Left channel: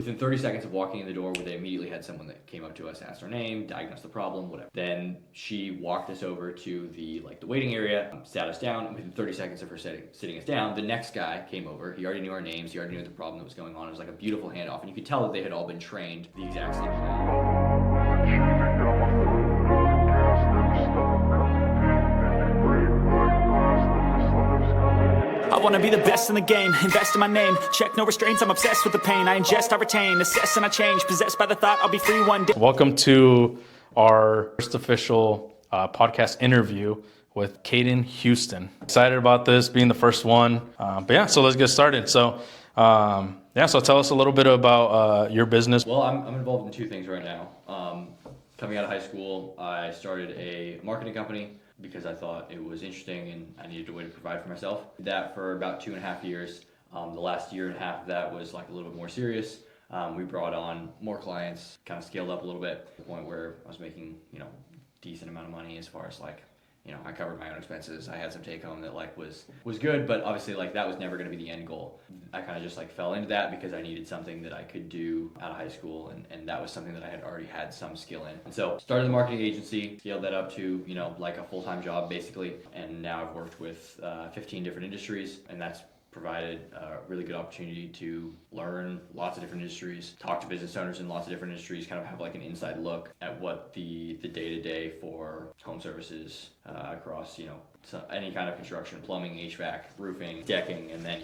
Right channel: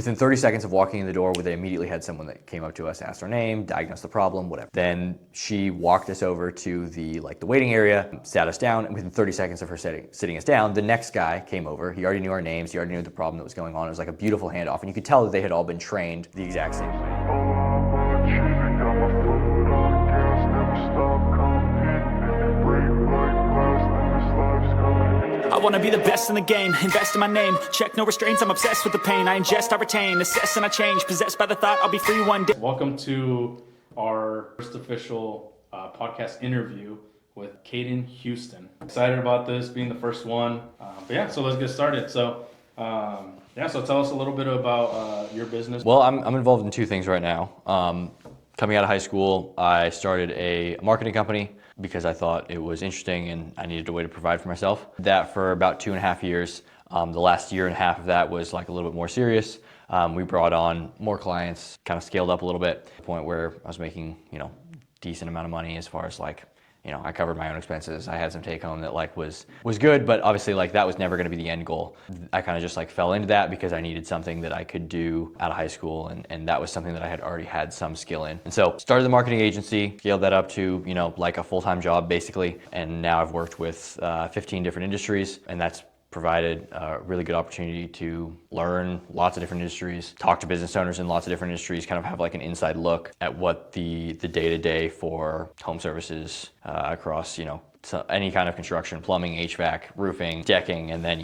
Within 30 seconds of walking in the door, they immediately had someone that came up to us, asked our name, diagnosed the problem, whatever. Then she walked us over to the waiting area, sat us down, and within 30 seconds of her sitting us down, the next guy came over. He already knew our names, he already knew the problem that was going on. It was like a beautiful handoff, and you could tell that they had all been trained the exact same way. I wanna be the best in the game, invest in my name, check no restraints, I'm obsessed with the pain, I ingest, I retain, assess and I change, possessed by the thought I'll be free one day. Welcome to our first official podcast interview with Caden Houston. Excited about this being the first one, but yeah, so let's get started. So so tell us a little bit about your business. Well, I'm involved in two things right now. Coming out of high school, I started a marketing company because I thought it was interesting and I needed a way to provide for myself. That for about 2.5 years. The last year and a half of that was like a little bit more serious. We brought on more clients, kind of scaled up a little bit, to the point where I was making, decent amount of money as far as I covered my own expenses. I had some take home that was good, but obviously that was never going to be the end goal. I kind of just fell into that because I needed something that I could do out of high school, and that was something that I had already had some skill in. And so started the marketing agency, scaled that up to a full-time job basically, and now I've worked with 15 different industries, and that's provided a really good opportunity to learn lots of different industries, talk to business owners in lots of different industries, kind of have an inside look at what the day-to-day for home services across, so any kind of construction, plumbing, HVAC, roofing, decking, and then,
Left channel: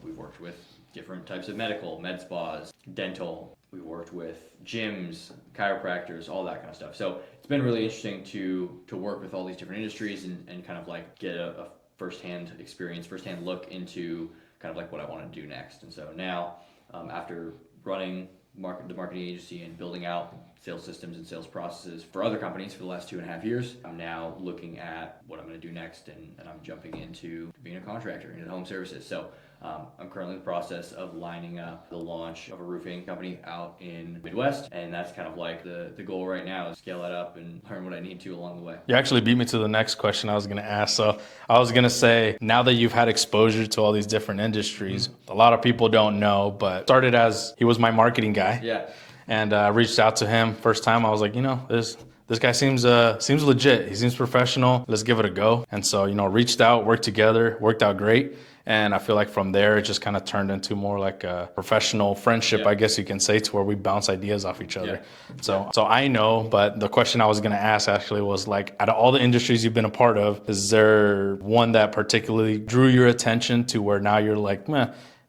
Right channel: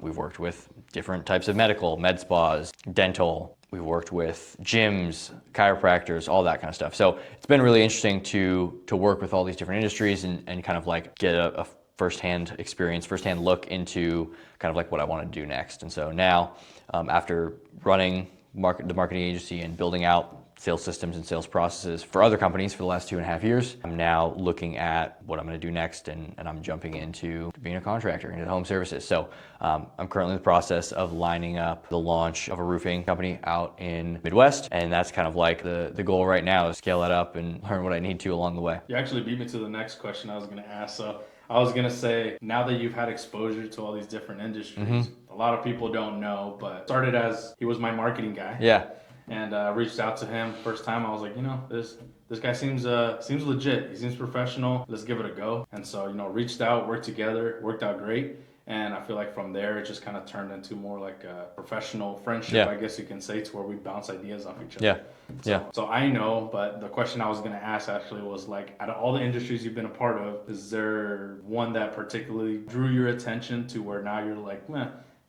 we've worked with different types of med spas, dental. We've worked with gyms, chiropractors, all that kind of stuff. So it's been really interesting to work with all these different industries and kind of get a firsthand experience, firsthand look into kind of what I want to do next. And so now, after running the marketing agency and building out sales systems and sales processes for other companies for the last 2.5 years, I'm now looking at what I'm going to do next, and I'm jumping into being a contractor into home services. So I'm currently in the process of lining up the launch of a roofing company out in Midwest, and that's kind of the goal right now, is scale that up and learn what I need to along the way. You actually beat me to the next question I was going to ask. So I was going to say, now that you've had exposure to all these different industries, a lot of people don't know, but started as he was my marketing guy. Yeah. And I reached out to him first time. I was like, this guy seems legit. He seems professional. Let's give it a go. And so, reached out, worked together, worked out great. And I feel like from there, it just kind of turned into more like a professional friendship, I guess you can say, to where we bounce ideas off each other. So I know, but the question I was going to ask actually was out of all the industries you've been a part of, is there one that particularly drew your attention to where now you're like,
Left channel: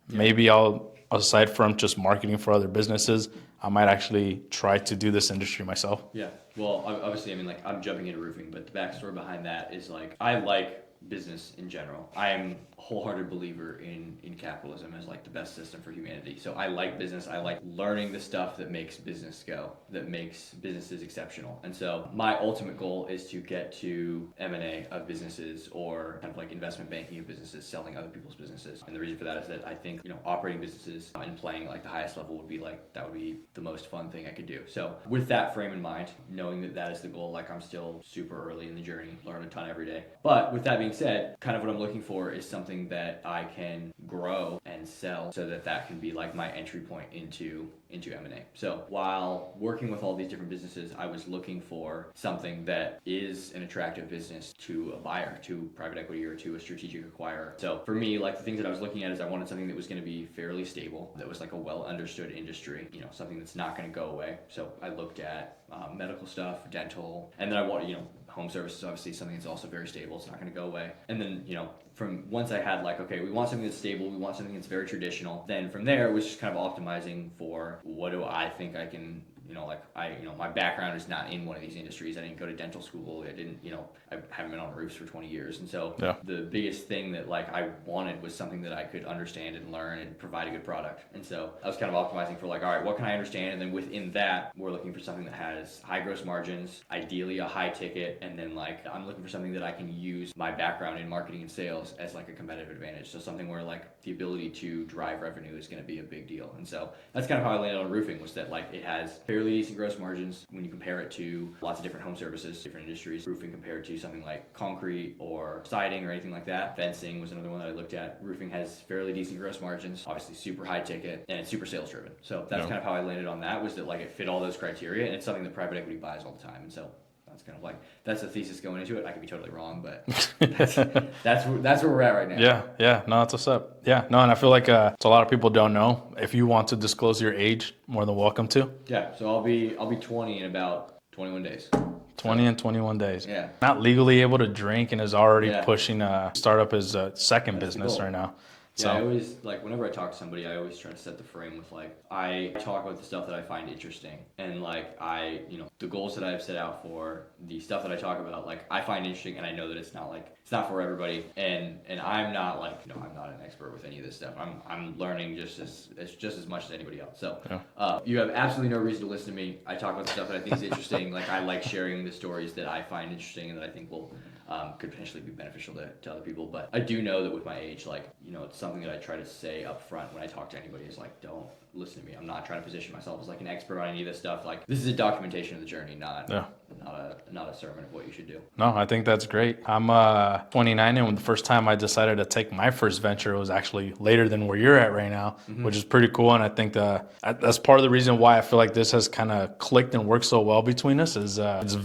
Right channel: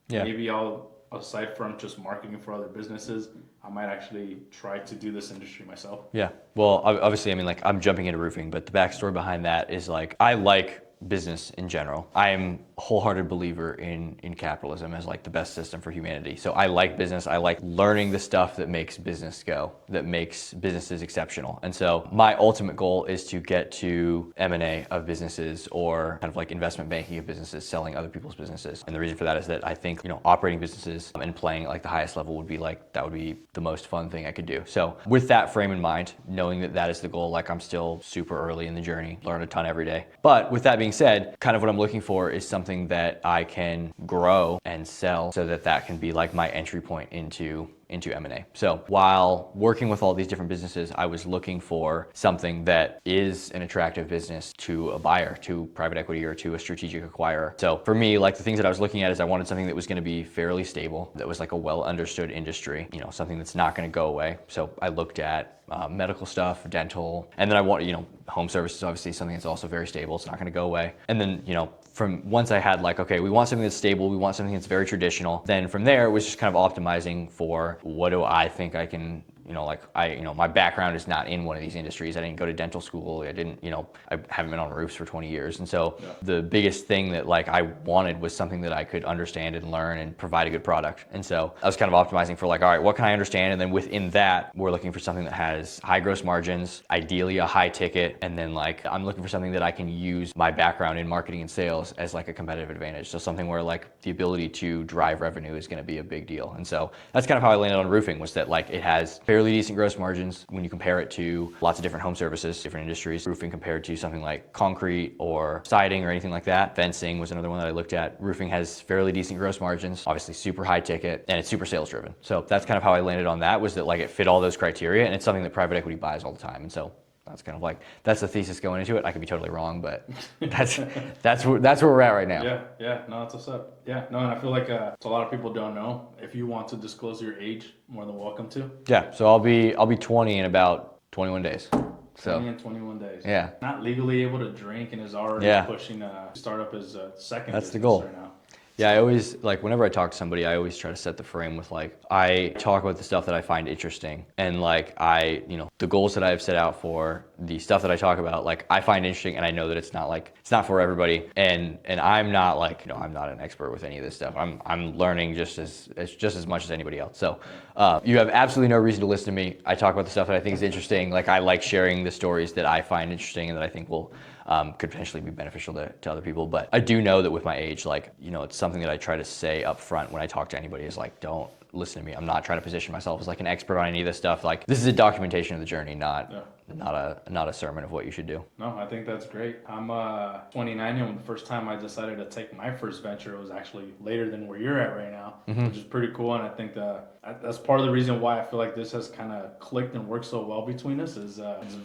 maybe aside from just marketing for other businesses, I might actually try to do this industry myself? Yeah. Well, obviously, I'm jumping into roofing, but the backstory behind that is I like business in general. I'm a wholehearted believer in capitalism as the best system for humanity. So I like business. I like learning the stuff that makes business go, that makes businesses exceptional. And so my ultimate goal is to get to M&A of businesses, or kind of investment banking of businesses, selling other people's businesses. And the reason for that is that I think, operating businesses and playing the highest level would be that would be the most fun thing I could do. So with that frame in mind, knowing that that is the goal, I'm still super early in the journey, learn a ton every day. But with that being said, kind of what I'm looking for is something that I can grow and sell, so that can be my entry point into M&A. So while working with all these different businesses, I was looking for something that is an attractive business to a buyer, to private equity, or to a strategic acquirer. So for me, the things that I was looking at is I wanted something that was going to be fairly stable, that was a well understood industry, something that's not going to go away. So I looked at medical stuff, dental, and then I want, home services, obviously something that's also very stable. It's not going to go away. And then, from once I had okay, we want something that's stable, we want something that's very traditional. Then from there, it was just kind of optimizing for what do I think I can, my background is not in one of these industries. I didn't go to dental school. I haven't been on roofs for 20 years. And so the biggest thing that I wanted was something that I could understand and learn and provide a good product. And so I was kind of optimizing for all right, what can I understand? And then within that, we're looking for something that has high gross margins, ideally a high ticket. And then I'm looking for something that I can use my background in marketing and sales as a competitive advantage. So something where the ability to drive revenue is going to be a big deal. And so that's kind of how I landed on roofing, was that it has fairly decent gross margins when you compare it to lots of different home services, different industries. Roofing compared to something like concrete or siding or anything like that. Fencing was another one that I looked at. Roofing has fairly decent gross margins, obviously super high ticket, and it's super sales driven. So that's kind of how I landed on that, was that like it fit all those criteria, and it's something that private equity buys all the time. And so that's kind of like, that's the thesis going into it. I could be totally wrong, but that's where we're at right now. Yeah, no, that's what's up. Yeah, no, and I feel like so a lot of people don't know. If you want to disclose your age, more than welcome to. Yeah, so I'll be 20 in about 21 days. 20 and 21 days. Yeah. Not legally able to drink and is already Yeah. pushing startup his second That's the business goal. right now. Yeah, I always, like, whenever I talk to somebody, I always try to set the frame with, like, I talk about the stuff that I find interesting. And, like, the goals that I have set out for, the stuff that I talk about, like, I find interesting, and I know that it's not for everybody. And I'm not, like, I'm not an expert with any of this stuff. I'm learning just as much as anybody else. So you have absolutely no reason to listen to me. I talk about the stuff that I think is interesting. Like, I like sharing the stories that I find interesting and that I think will could potentially be beneficial to other people. But I do know that with my age, like, it's something that I try to say up front when I talk to anybody is like, don't listen to me. I'm not trying to position myself as like an expert on any of this stuff. Like, this is a documentation of the journey, not a sermon of what you should do. No, I think that's great. I'm 29, and the first time I decided to take my first venture, it was actually later than where you're at right now, which is pretty cool. And I think that's part of the reason why I feel like this has kind of clicked and worked so well between us is it's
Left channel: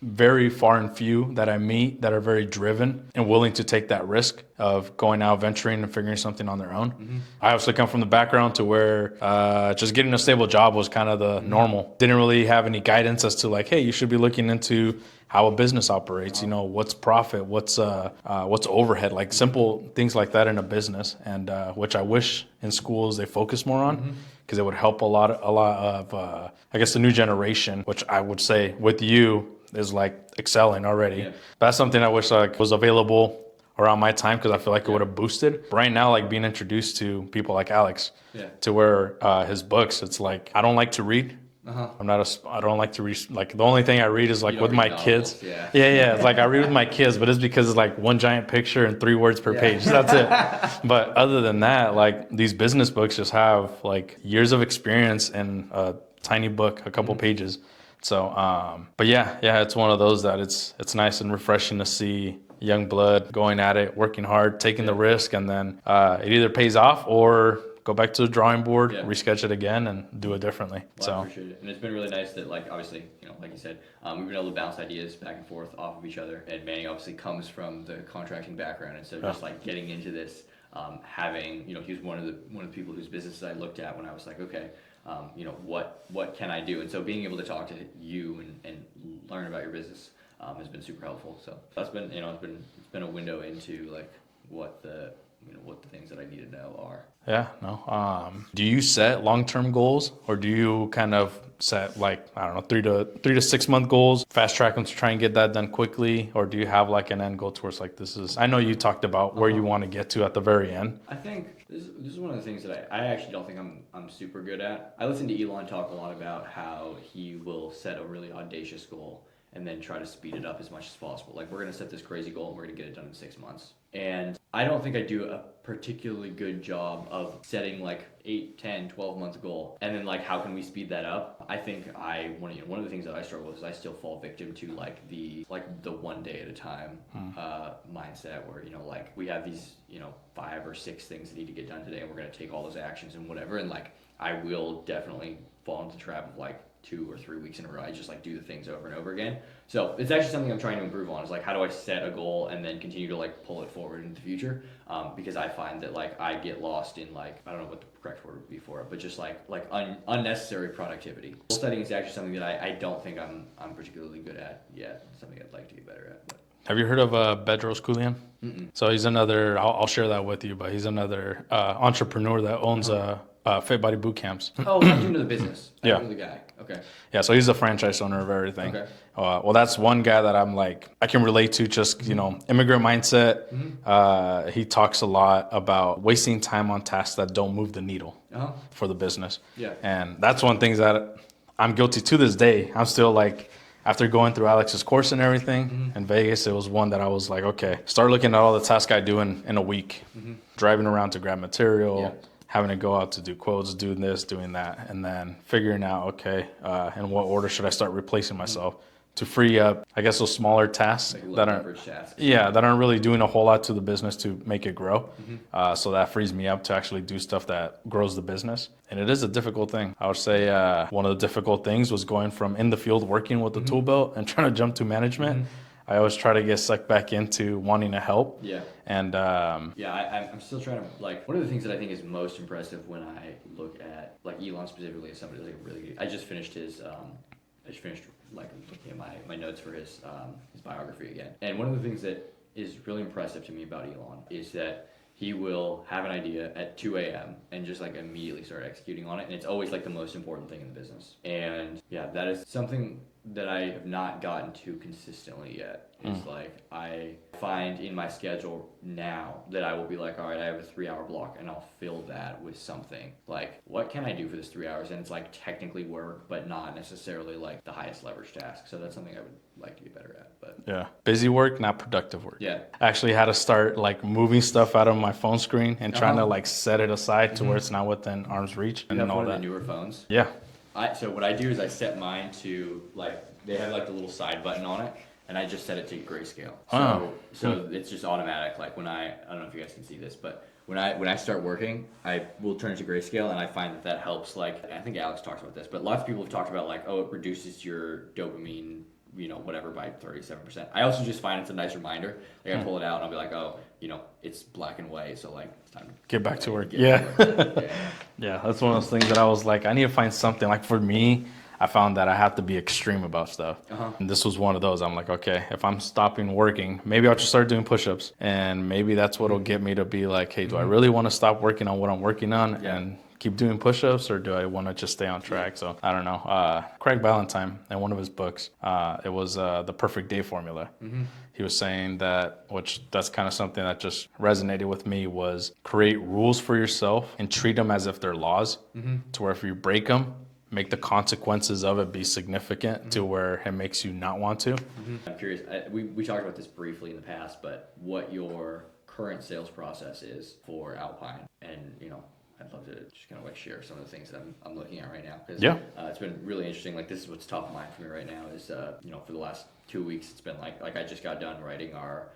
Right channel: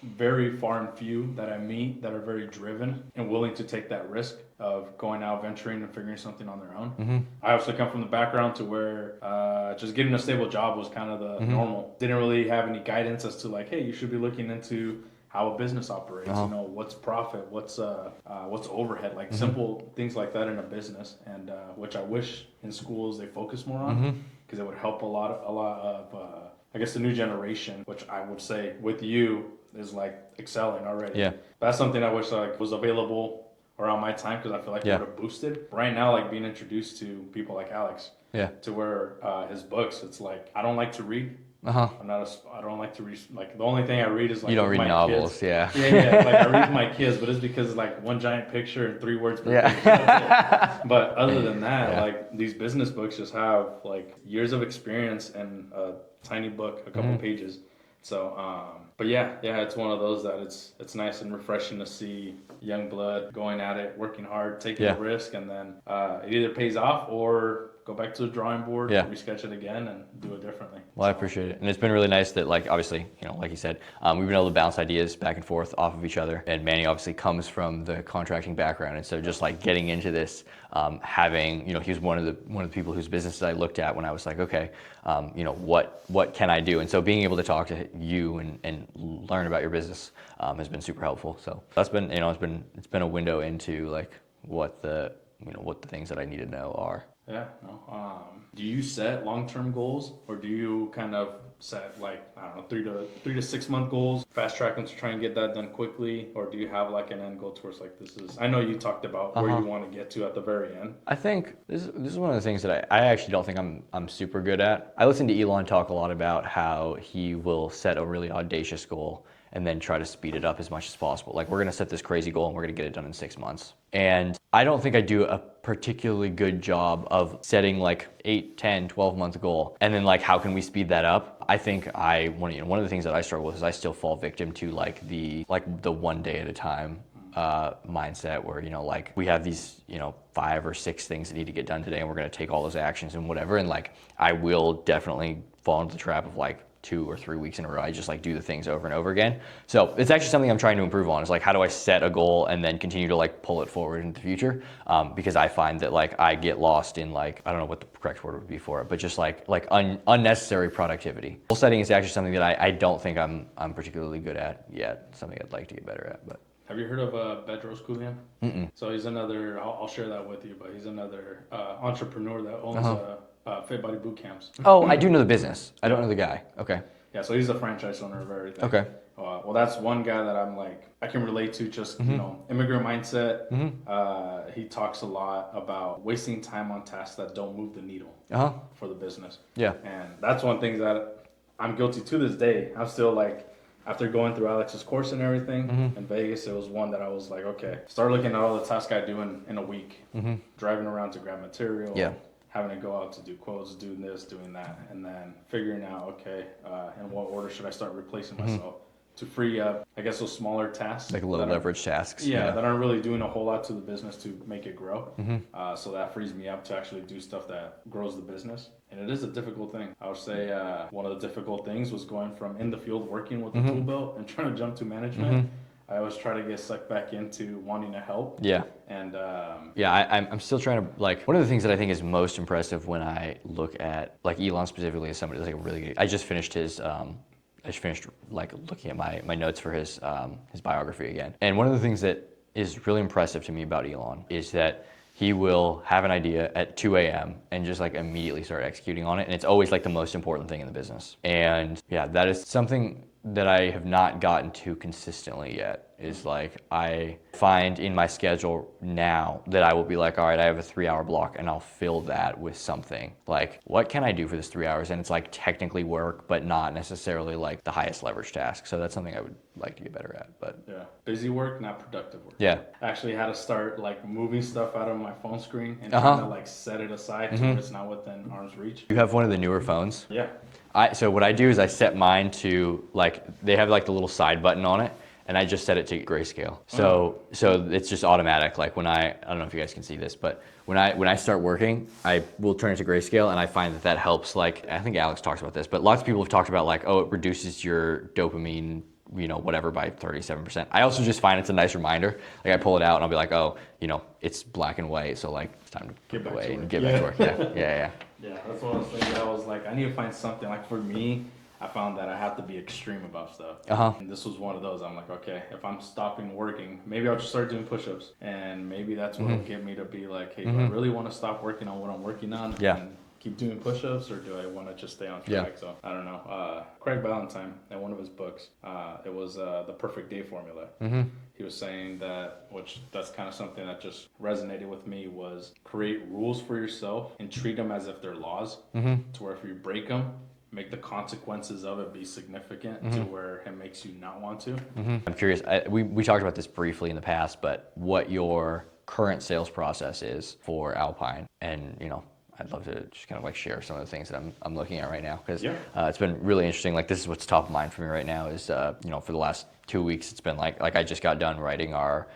very far and few that I meet that are very driven and willing to take that risk of going out venturing and figuring something on their own. I also come from the background to where just getting a stable job was kind of the normal. Didn't really have any guidance as to like, hey, you should be looking into how a business operates, what's profit, what's overhead, like simple things like that in a business, and which I wish in schools they focus more on, because it would help a lot of I guess the new generation, which I would say with you is like excelling already. Yeah. That's something I wish like was available around my time, because I feel like it would have boosted. Right now, like being introduced to people like Alex, to where his books, it's like, I don't like to read. I don't like to read. Like, the only thing I read is like with my novels, kids. Yeah. It's like I read with my kids, but it's because it's like one giant picture and 3 words per page. That's it. But other than that, like these business books just have like years of experience in a tiny book, a couple pages. So, but yeah, it's one of those that it's nice and refreshing to see young blood going at it, working hard, taking the risk, and then it either pays off or go back to the drawing board, resketch it again, and do it differently. Well, I appreciate it. And it's been really nice that, like, obviously, like you said, we've been able to bounce ideas back and forth off of each other. And Manny obviously comes from the contracting background. And so just like getting into this, having, he was one of the people whose businesses I looked at when I was like, okay, what can I do? And so being able to talk to you and learn about your business has been super helpful. So that's been, it's been a window into like what the things that I need to know are. Yeah, no. Do you set long-term goals, or do you kind of set like, I don't know, 3 to 6 month goals, fast track them to try and get that done quickly? Or do you have like an end goal towards like, I know you talked about where you want to get to at the very end. I think this is one of the things that I actually don't think I'm super good at. I listen to Elon talk a lot about how he will set a really audacious goal and then try to speed it up as much as possible. Like, we're going to set this crazy goal and we're going to get it done in 6 months. And I don't think I do a particularly good job of setting like 8, 10, 12 month goal. And then like, how can we speed that up? I think one of the things that I struggle with is I still fall victim to like the one day at a time mindset where, like we have these, 5 or 6 things that need to get done today and we're going to take all those actions and whatever. And like, I will definitely fall into the trap of like 2 or 3 weeks in a row. I just like do the things over and over again. So it's actually something I'm trying to improve on, is like, how do I set a goal and then continue to like pull it forward into the future? Because I find that like I get lost in like, I don't know what the correct word would be for it, but just like unnecessary productivity. Goal setting is actually something that I don't think I'm particularly good at yet. Something I'd like to get better at. But have you heard of Bedros Keuilian? So he's another, I'll share that with you, but he's another entrepreneur that owns Fit Body boot camps. Oh, I do know the business. I don't know the guy. Okay. Yeah, so he's a franchise owner of everything. Okay. Well, that's one guy that I'm like, I can relate to, just, immigrant mindset. He talks a lot about wasting time on tasks that don't move the needle for the business. Yeah. And that's one thing that I'm guilty to this day. I'm still like, after going through Alex's course and everything in Vegas, it was one that I was like, okay, start looking at all the tasks I do in a week. Driving around to grab material, having to go out to do quotes, doing this, doing that, and then figuring out, okay, in what order should I start replacing myself to free up, I guess, those smaller tasks. Like low that leverage tasks. Yeah, that aren't really doing a whole lot to the business to make it grow. So that frees me up to actually do stuff that grows the business. And it is a difficult thing. I would say one of the difficult things was going from in the field working with the tool belt and trying to jump to management. I always try to get sucked back into wanting to help. Yeah. And I'm still trying to, like, one of the things that I think is most impressive when I look at, like, Elon specifically as somebody that's like really good. I just finished like looking at my notes for his biography again. And one of the things that is really impressive to me about Elon is that he will have an idea at 2 a.m. and just like immediately start executing on it. And it's always like the most important thing in the business. And yeah, that is something that I have not gotten to consistently yet. Is like, I find in my schedule now that I will be like, all right, I have a 3-hour block and I'll fill that with something. Like, what can I do for this 3 hours? And it's like technically work, but not necessarily like the highest leverage task. So that's something I would like to get better at. But yeah, busy work, not productive work. Yeah. I actually had to start like moving stuff out of my phone screen and trying to like set it aside to where it's not within arm's reach. You have one of the newer phones? Yeah. So what I do is I set mine to, like, they have like the little side button on it, and I just set it to grayscale. So it's just automatic. Like when I don't know if you guys can see this, but when I start working, I will turn it to grayscale, and I find that helps. Like, I think Alex talks about this, but lots of people have talked about like, oh, it reduces your dopamine, whatever, by 37%. I also just find it's a nice reminder. Like, I pull it out and I'll be like, oh, it's black and white, so like it's time to get back to work. Get back to work. Yeah. Yeah, that's one of those things that I was like, I need to find something. Like for me, I found that I have to be extreme about stuff. And this was one of those. I'm like, okay, if I'm stopping working, maybe I'll just start doing push-ups, and maybe that's what'll get me to be like, hey, do I really want to stop working on what I'm working on and keep doing push-ups, or do I want to just stay on track? So I don't know. Craig Ballantyne, in one of his books, it was The Perfect Day Formula. He was saying that, which that's kind of something that just resonated with me, was create rules for yourself and treat them as if they're laws, to where if you break them, make the consequences of it be significant to where it makes you not want to. I'm curious, we talked about this briefly in the past, but what your current sales process is for Alpine, and I'd love to just kind of like share some of the things that I'm looking at right now, because it's been really interesting. Like, this is what's top of mind for me right now is, for the last 2 weeks, it's been like I just got done writing our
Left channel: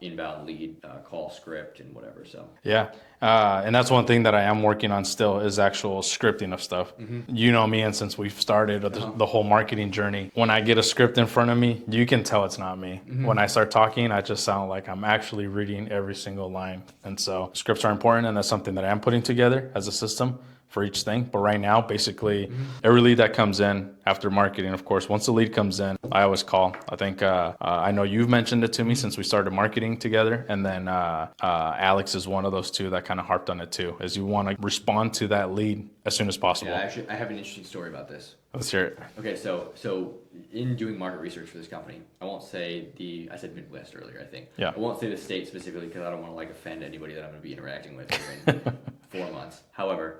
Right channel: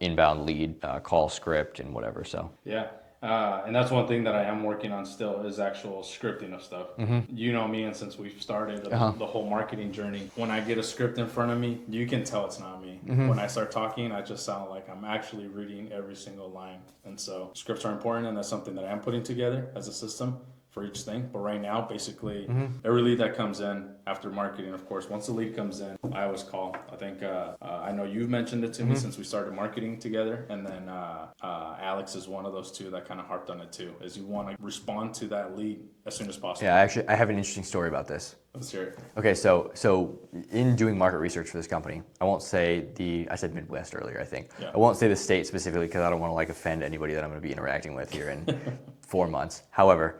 inbound lead call script and whatever. So yeah. And that's one thing that I am working on still is actual scripting of stuff. You know me, and since we've started the whole marketing journey, when I get a script in front of me, you can tell it's not me. When I start talking, I just sound like I'm actually reading every single line. And so scripts are important, and that's something that I am putting together as a system for each thing. But right now, basically, every lead that comes in after marketing, of course, once the lead comes in, I always call. I think I know you've mentioned it to me since we started marketing together. And then Alex is one of those two that kind of harped on it too, is you want to respond to that lead as soon as possible. Yeah, actually, I have an interesting story about this. Let's hear it. Okay, so in doing market research for this company, I won't say I said Midwest earlier, I think. Yeah. I won't say the state specifically because I don't want to like offend anybody that I'm going to be interacting with here in 4 months. However,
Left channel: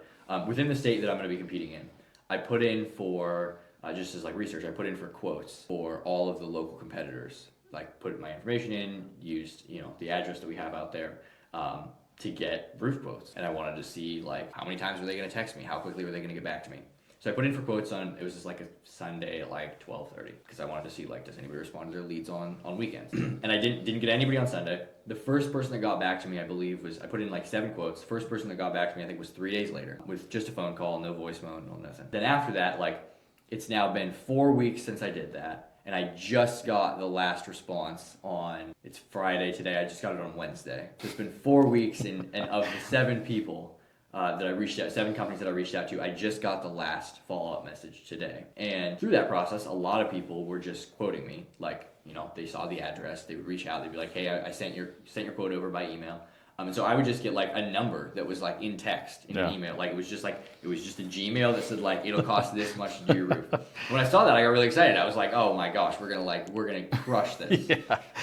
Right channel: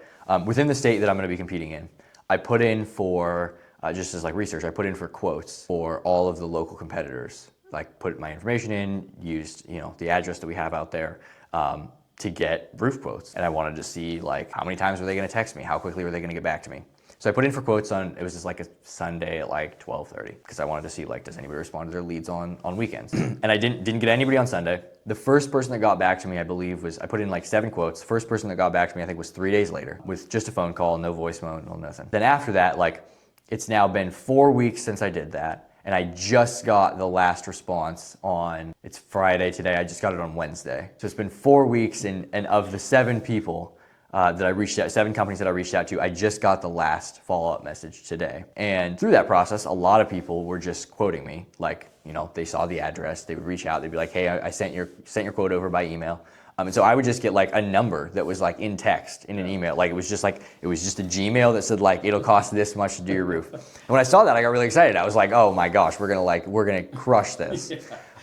within the state that I'm going to be competing in, I put in for, just as like research, I put in for quotes for all of the local competitors. Like, put my information in, used the address that we have out there to get roof quotes. And I wanted to see like how many times were they going to text me, how quickly were they going to get back to me. So I put in for quotes it was just like a Sunday at like 12:30, because I wanted to see like, does anybody respond to their leads on weekends? And I didn't get anybody on Sunday. The first person that got back to me, I believe, I put in like 7 quotes. The first person that got back to me, I think, was 3 days later, with just a phone call, no voicemail, no nothing. Then after that, like, it's now been 4 weeks since I did that. And I just got the last response it's Friday today, I just got it on Wednesday. So it's been 4 weeks, and of the 7 people that I reached out, 7 companies that I reached out to, I just got the last follow-up message today. And through that process, a lot of people were just quoting me. Like, they saw the address, they would reach out, they'd be like, hey, I sent your quote over by email. And so I would just get like a number that was like in text in an email. Like, it was just a Gmail that said like, it'll cost this much to do your roof. And when I saw that, I got really excited. I was like, oh my gosh, we're gonna crush this.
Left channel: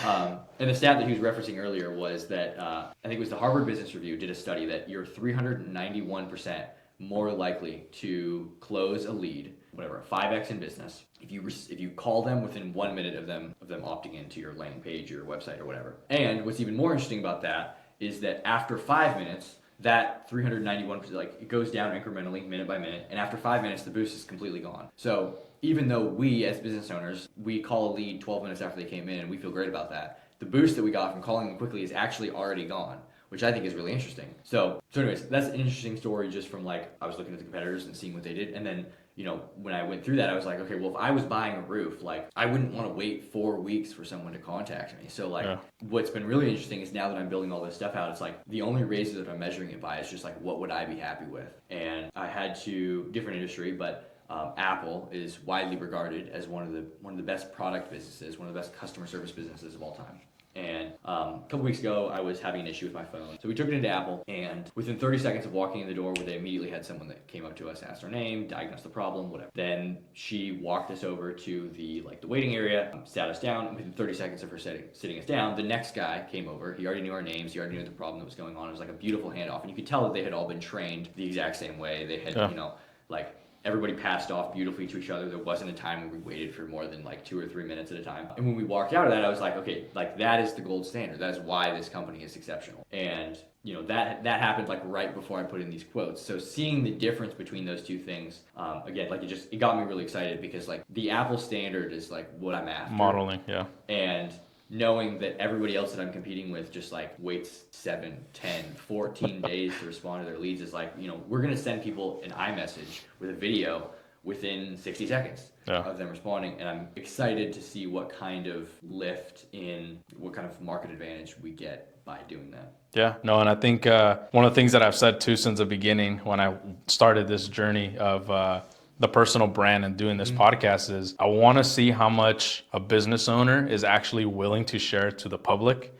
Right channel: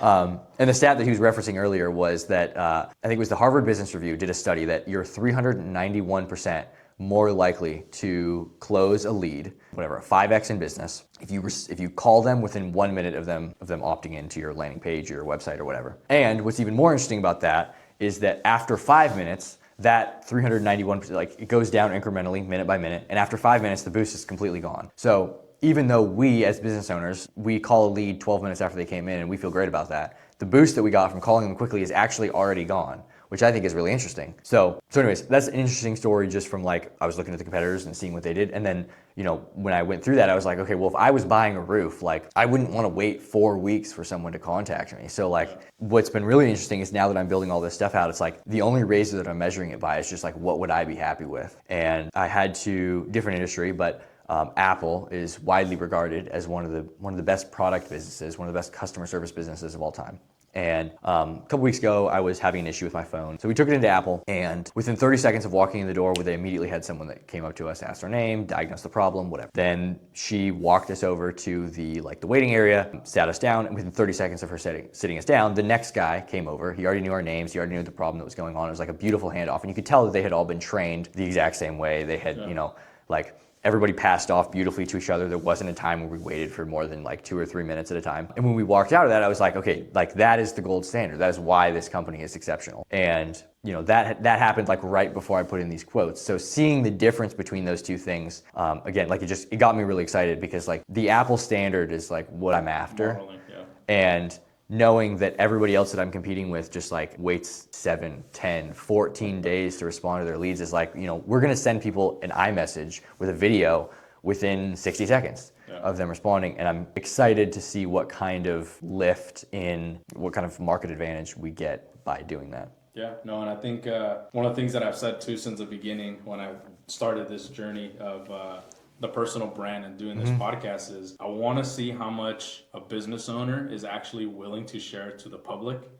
And the stat that he was referencing earlier was that I think it was the Harvard Business Review did a study that you're 391% more likely to close a lead, whatever, a 5x in business, if you call them within 1 minute of them opting into your landing page, your website, or whatever. And what's even more interesting about that is that after 5 minutes, that 391%, like it goes down incrementally minute by minute. And after 5 minutes, the boost is completely gone. So even though we as business owners, we call a lead 12 minutes after they came in and we feel great about that, the boost that we got from calling them quickly is actually already gone, which I think is really interesting. So anyways, that's an interesting story just from like, I was looking at the competitors and seeing what they did. And then, you know, when I went through that, I was like, okay, well, if I was buying a roof, like I wouldn't want to wait 4 weeks for someone to contact me. So like what's been really interesting is now that I'm building all this stuff out, it's like the only razor that I'm measuring it by is just like, what would I be happy with? And I had to, different industry, but Apple is widely regarded as one of the best product businesses, one of the best customer service businesses of all time. And a couple weeks ago, I was having an issue with my phone. So we took it into Apple, and within 30 seconds of walking in the door, they immediately had someone that came up to us, asked our name, diagnosed the problem, whatever. Then she walked us over to the waiting area, sat us down, and within 30 seconds of her sitting us down, the next guy came over. He already knew our names. He already knew the problem that was going on. It was like a beautiful handoff, and you could tell that they had all been trained the exact same way. They had, you know, like everybody passed off beautifully to each other. There wasn't a time where we waited for more than like 2 or 3 minutes at a time. And when we walked out of that, I was like, okay, like that is the gold standard. That is why this company is exceptional. And you know, that happened like right before I put in these quotes. So seeing the difference between those two things, again, like it got me really excited because like the Apple standard is like what I'm after. Modeling, yeah. And knowing that everybody else that I'm competing with just like waits 7, 10, 14 days to respond to their leads is like, you know, we're going to send people an iMessage with a video within 60 seconds of them responding. And I'm excited to see what kind of lift in, what kind of market advantage we get by doing that. Yeah, no, and I think one of the things that I've said too since the beginning when I started this journey of the personal brand and doing this podcast is I want to see how much a business owner is actually willing to share to the public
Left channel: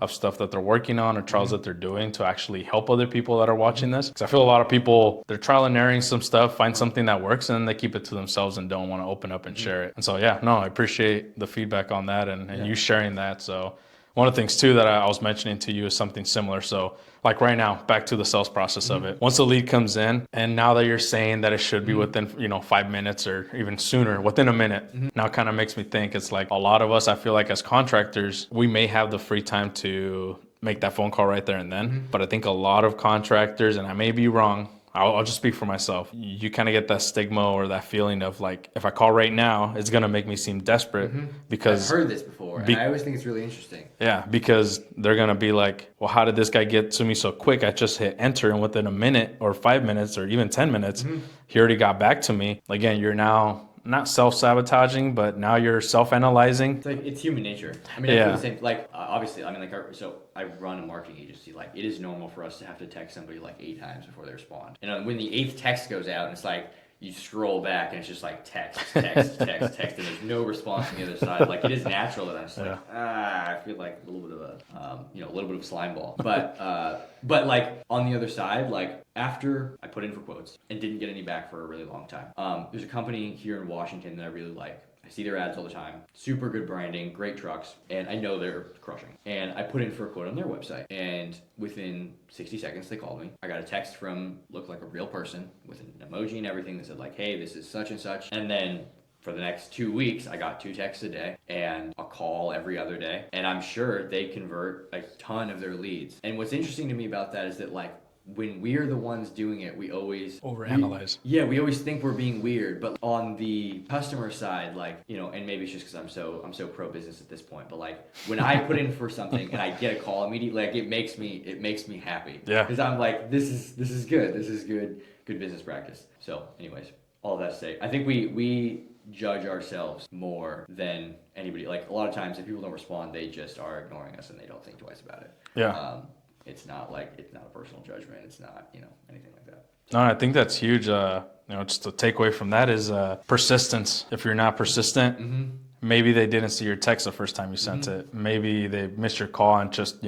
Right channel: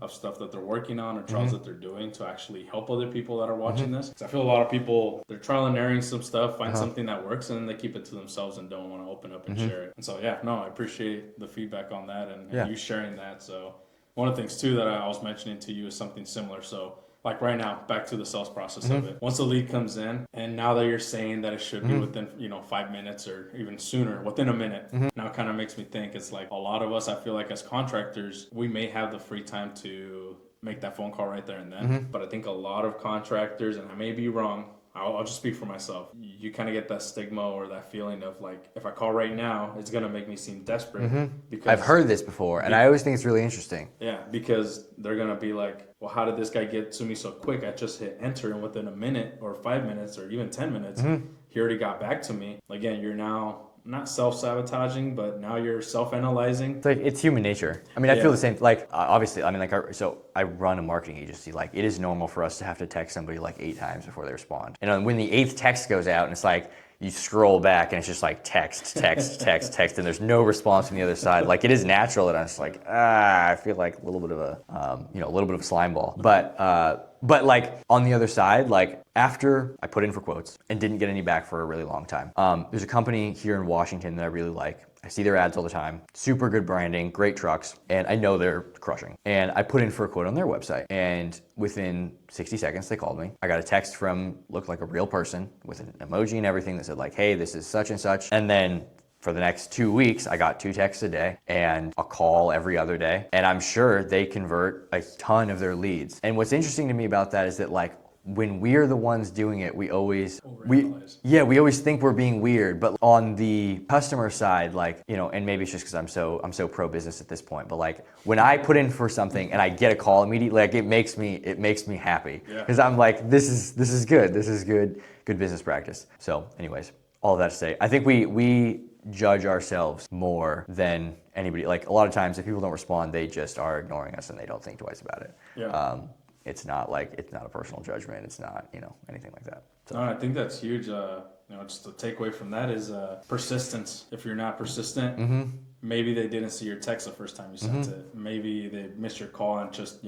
of stuff that they're working on or trials that they're doing to actually help other people that are watching this. Because I feel a lot of people, they're trial and erroring some stuff, find something that works, and then they keep it to themselves and don't want to open up and share it. And so, yeah, no, I appreciate the feedback on that and you sharing that. So one of the things too that I was mentioning to you is something similar. So like right now, back to the sales process of it. Once the lead comes in, and now that you're saying that it should be within, 5 minutes or even sooner, within a minute, now kind of makes me think it's like a lot of us, I feel like as contractors, we may have the free time to make that phone call right there and then. But I think a lot of contractors, and I may be wrong, I'll just speak for myself. You kind of get that stigma or that feeling of like, if I call right now, it's going to make me seem desperate because I've heard this before and I always think it's really interesting. Yeah, because they're going to be like, well, how did this guy get to me so quick? I just hit enter and within a minute or 5 minutes or even 10 minutes, he already got back to me. Again, you're now not self-sabotaging, but now you're self-analyzing. It's like, it's human nature. I mean, I feel the same. Like, obviously, I mean, like, so I run a marketing agency. Like, it is normal for us to have to text somebody like 8 times before they respond. And when the 8th text goes out, and it's like, you scroll back and it's just like text, and there's no response from the other side. Like, it is natural that I'm just like, I feel like a little bit of a slime ball. But like on the other side, like after I put in for quotes and didn't get any back for a really long time, there's a company here in Washington that I really like. I see their ads all the time. Super good branding, great trucks, and I know they're crushing. And I put in for a quote on their website, and within 60 seconds, they called me. I got a text from, looked like a real person with an emoji and everything that said like, hey, this is such and such. And then for the next 2 weeks, I got 2 texts a day and a call every other day. And I'm sure they convert a ton of their leads. And what's interesting to me about that is that like, when we're the ones doing it, we always overanalyze. We always think we're being weird. But on the customer side, like, you know, and maybe it's just because I'm so pro business at this point. But like when I put in for something and I get a call immediately, like it makes me happy. Yeah. Because I'm like, this is good. This is good business practice. So, anyways, all of that to say, I think we judge ourselves more than anybody. Like a lot of times, if people don't respond, they just are ignoring us and they don't think twice about it. Yeah. It's not a personal judgment. It's not, anything like that. So. No, I think that's huge. Just a takeaway from that is persistence. If you're not persistent, maybe they didn't see your text the first time you sent it. Maybe they missed your call and just,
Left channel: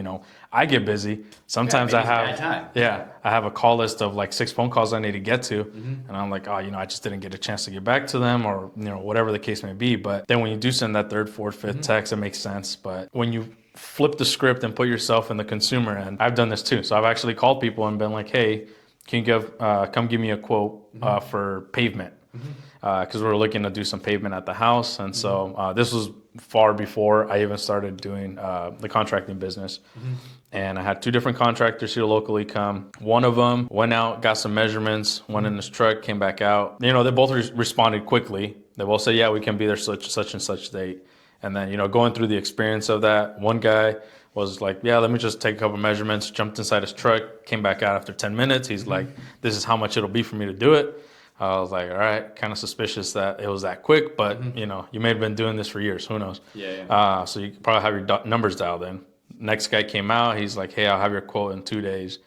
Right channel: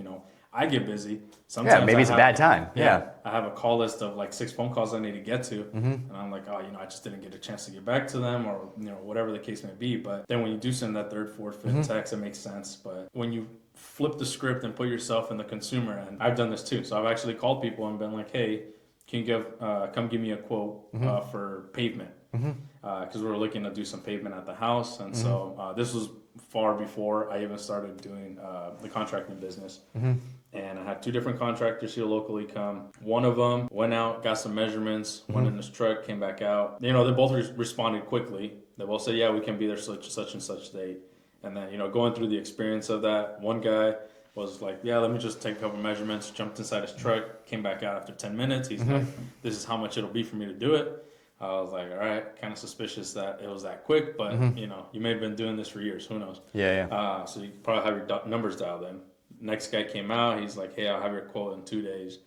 I get busy. Sometimes maybe it's a bad time. Yeah. I have a call list of like 6 phone calls I need to get to. And I'm like, I just didn't get a chance to get back to them or, whatever the case may be. But then when you do send that 3rd, 4th, 5th text, it makes sense. But when you flip the script and put yourself in the consumer end, I've done this too. So I've actually called people and been like, hey, can you come give me a quote for pavement? Because we're looking to do some pavement at the house. And so this was far before I even started doing the contracting business. and I had 2 different contractors here locally come. One of them went out, got some measurements, went in his truck, came back out. You know, they both responded quickly. They both said, yeah, we can be there such and such date. And then, you know, going through the experience of that, one guy was like, yeah, let me just take a couple measurements, jumped inside his truck, came back out after 10 minutes. He's like, this is how much it'll be for me to do it. I was like, all right, kind of suspicious that it was that quick, but you know, you may have been doing this for years. Who knows? Yeah. So you probably have your numbers dialed in. Next guy came out. He's like, hey, I'll have your quote in 2 days.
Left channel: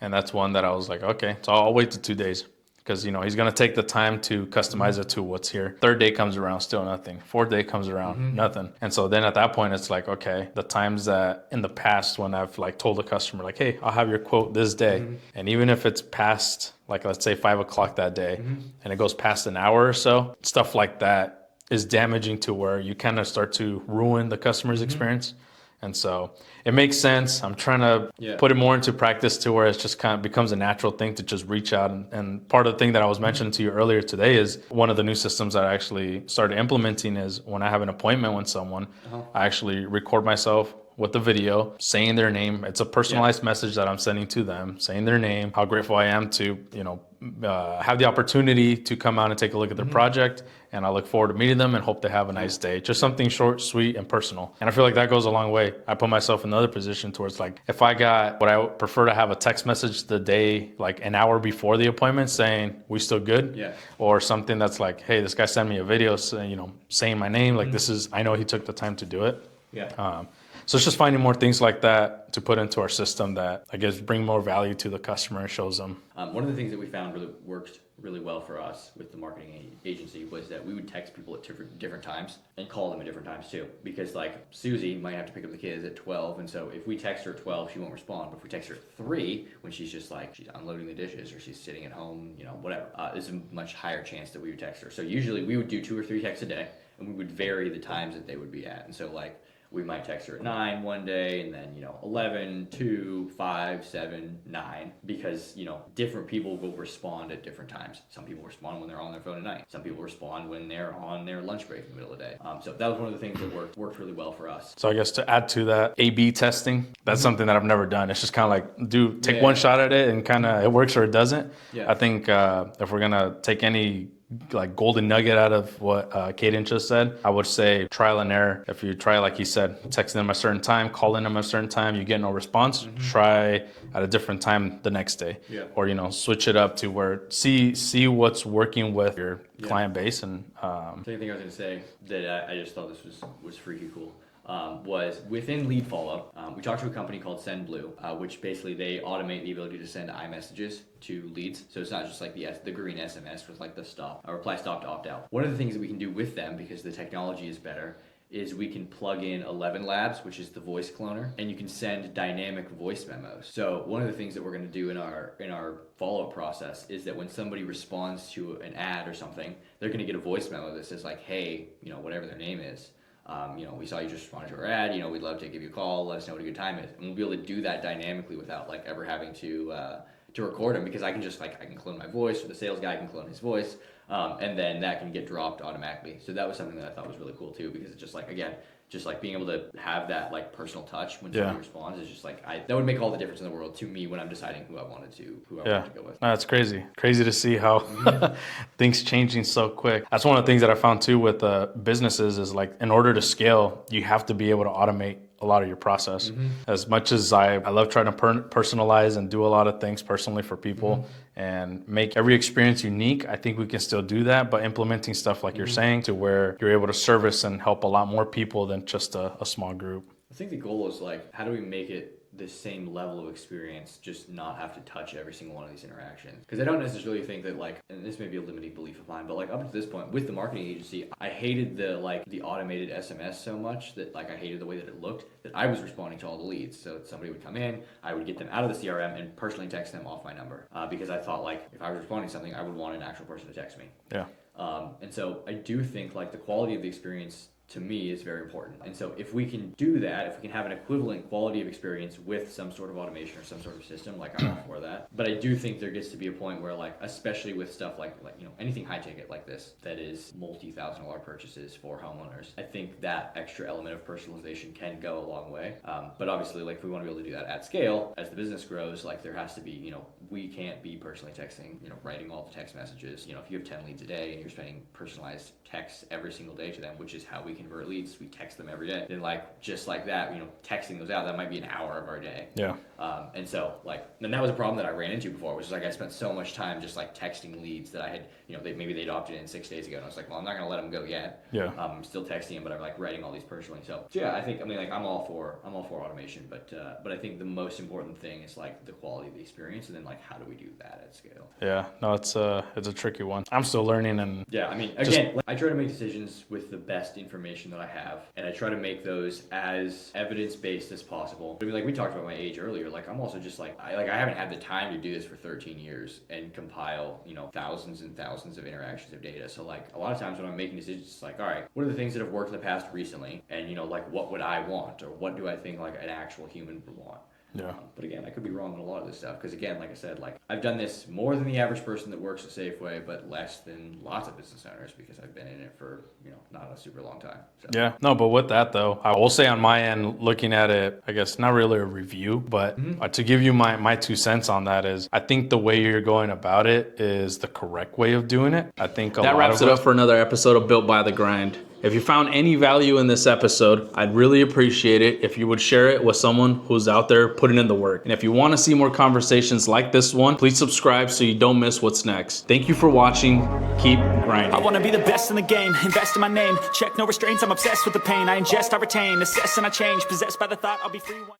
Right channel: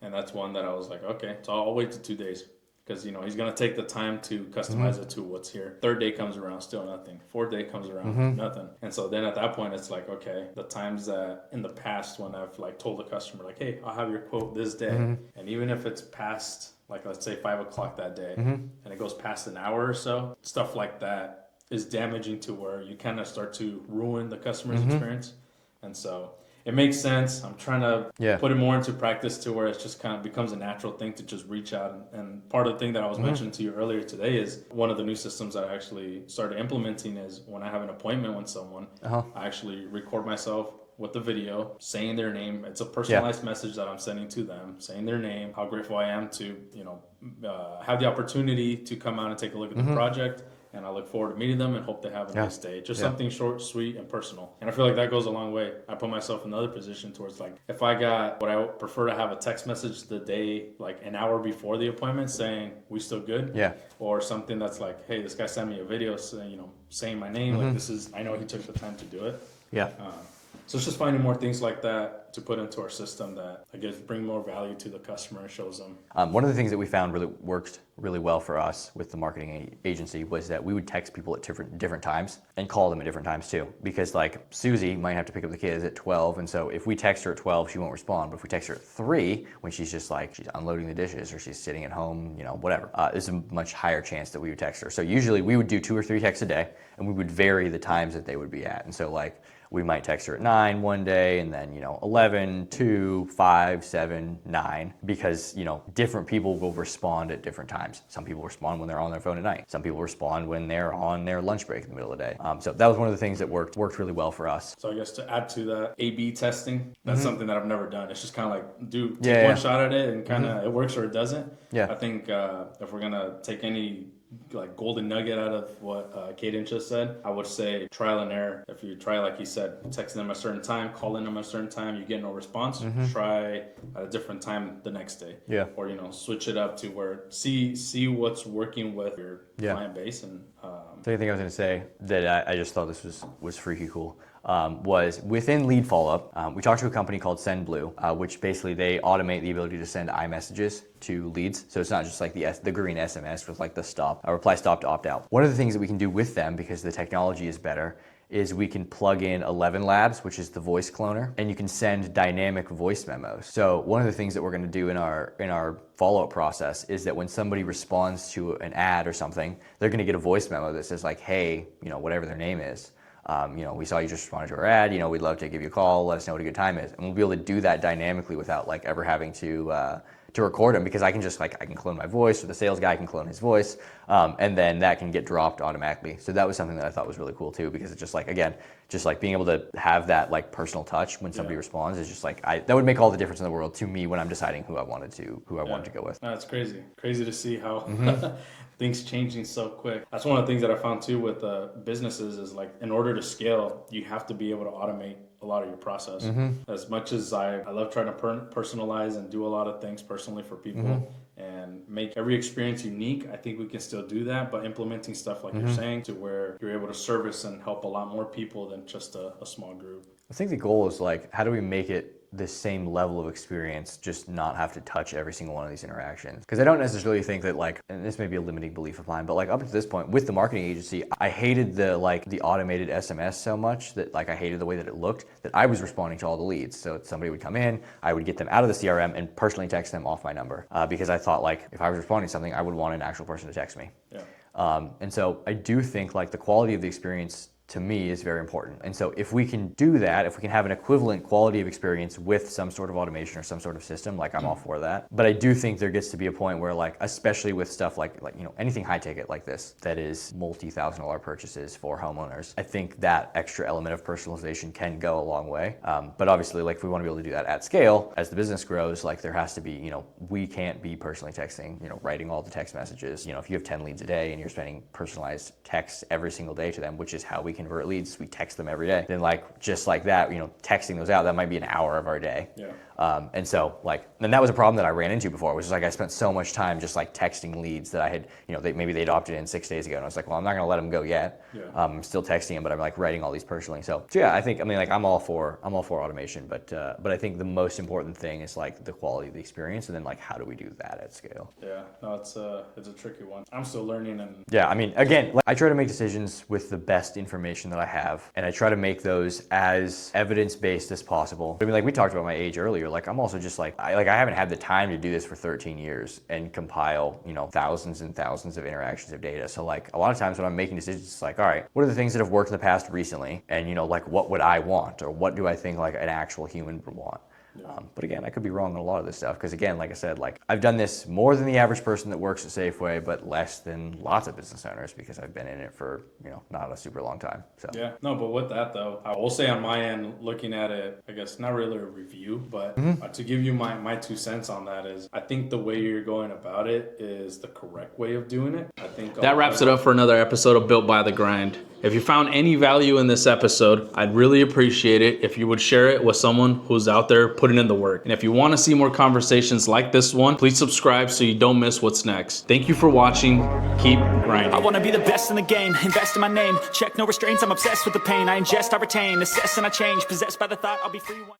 And that's one that I was like, okay, so I'll wait to 2 days. Because, you know, he's going to take the time to customize it to what's here. 3rd day comes around, still nothing. 4th day comes around, nothing. And so then at that point, it's like, okay, the times that in the past when I've like told a customer like, hey, I'll have your quote this day. And even if it's past, like, let's say 5 o'clock that day, and it goes past an hour or so, stuff like that is damaging to where you kind of start to ruin the customer's experience. And so it makes sense. I'm trying to put it more into practice to where it's just kind of becomes a natural thing to just reach out. And part of the thing that I was mentioning to you earlier today is one of the new systems that I actually started implementing is when I have an appointment with someone, I actually record myself with the video saying their name. It's a personalized message that I'm sending to them, saying their name, how grateful I am to, you know, have the opportunity to come out and take a look at their project. And I look forward to meeting them and hope they have a nice day. Just something short, sweet, and personal. And I feel like that goes a long way. I put myself in another position towards like, if I got what I would prefer to have a text message the day, like an hour before the appointment saying, we still good? Yeah. Or something that's like, hey, this guy sent me a video, you know, saying my name. Like this is, I know he took the time to do it. Yeah. So it's just finding more things like that to put into our system that I guess bring more value to the customer and shows them. One of the things that we found really worked really well for us with the marketing agency was that we would text people at different times and call them at different times too. Because like Susie might have to pick up the kids at 12, and so if we text her at 12, she won't respond. But if we text her at 3, when she's just like she's unloading the dishes or she's sitting at home, you know, whatever, there's a much higher chance that we would text her. So usually we would do 2 or 3 texts a day, and we would vary the times that they would be at. And so like we might text her at 9 one day, and then, you know, 11, 2, 5, 7, 9, because, you know, different people will respond at different times. Some people respond when they're on their phone at night. Some people respond when they're on their lunch break in the middle of the day. So that was one of the things that worked really well for us. So I guess to add to that, A/B testing, that's something that I've never done. It's just kind of like, take one shot at it and kind of it works or it doesn't. Yeah. I think if we're going to take any like golden nugget out of what Caden just said, I would say trial and error. If you try, like he said, texting them a certain time, calling them a certain time, you get no response, try at a different time the next day. Yeah. Or, you know, switch it up to where see what's working with your client base. And the only thing I was going to say that I just thought this was freaky cool. Was within lead follow-up, we talked to a company called SendBlue, which basically they automate the ability to send iMessages to leads. So it's not just like the green SMS with like the reply stop to opt out. One of the things that we can do with them, because the technology is better, is we can plug in 11 Labs, which is the voice cloner, and you can send dynamic voice memos. So one of the things that we're going to do in our follow-up process is that when somebody responds to an ad or something, they're going to get a voice memo that says like, hey, you know, whatever their name is. You know, we saw you just responded to our ad, you know, we'd love to give you a call, let us know what a good time is. And we'll be able to do that dynamically without like ever having to record them, because I can just like, I can clone my voice, or the sales guy can clone his voice, and then that can get dropped automatically. So that was something that I thought was really cool too, because it's just like, again, just like being able to have that like personal touch when somebody responds is just like, that would make all the difference in the world to me when I'm deciding who I wanted to go with. That's crazy to see how things changing so quick. That's one of the things that I found too with businesses is like, in order to scale, you have to be able to automate a lot of your process. As much as I love trying to personalize and do a lot of things personally for people and make every experience unique, I think we can still do that, but implementing stuff like you're saying to where you're able to service and help a lot more people than just a small group. I think the goal is like, how do we make it the same level of experience, just not have to touch every single one of these interactions? Because I don't necessarily think that like, and this may be a limiting belief of mine, but like up to this point with the marketing agency, I hated the automated SMS so much that like I hated the way that it looked, that I was responding to all the leads. So somebody would come in, I would get them out of the CRM and personally text them off my number, because I thought like if I was responding to something, I would want an actual person to text me. Yeah. And so I do think like the quality of the experience to me is very important. And so if we can do that, if we can have an equivalent quality of experience with some sort of automation or some sort of system, like I'm all for that. But I do think there gets to be a point where like, especially with stuff like anything high ticket like this, that is multi-$1,000 purchases for homeowners, I think that extra element of personalization can go a long way. But obviously, like if we want to be able to do that at scale, as the business grows, like there has to be, we can't be personally texting, writing all the text messages. If you have 10 leads a day and you're spending personalized texts every single day to them, which is how we convert leads, we text them every day, then like just like that, texting those out, that might be an hour of our day. Yeah. And so and that was a problem that I ran into before, which is like I spent so much time just like texting leads that I had, maybe they'd opted in 6 days ago, and I was like, well, I'm not gonna let them go yet. Yeah. I'm still texting them, but I'm like writing all these personally. So yeah, I think I'm all for automation, but I think the most important thing is like the quality of the experience, and then like how do we do that at scale? Yeah. No, it's a tricky one. I'm still learning, and yeah, again, I try to make decisions with the best information that I have, and I try to make those as evidence-based as possible. Like we talked about my age earlier, like I'm also just like I haven't had the time to do this for 13 years and compile, thousands and thousands of interactions of data. So like a lot of times when I'm making decisions, it's like, all right, what are the things that have worked in the past recently? And like what would I want, or what do I think like an actual human would want? Yeah. But again, I could be wrong on a lot of this stuff because again, like I said, like I've done this more than the average person that works at Safeway, but less than lots of business owners because I've been in it for not a super long time. So. Yeah, no, but with that though, I will say on my end, looking at it, I guess not really a review, but to give you my 2 cents on that is, I think the way you're going about it is the correct way of doing it. I think that wraps it up for another episode of Built by the Grind. If you found any value in this episode, I'd really appreciate it if you would share it with someone who's out there putting in the work. And if you want to see more conversations like this one, please subscribe so you don't miss what's next. Thank you for watching. Keep grinding. I wanna be the best in the game, invest in my name, check no restraints, I'm obsessed with the pain, I ingest, I retain, assess and I change, possessed by the thought I'll be free one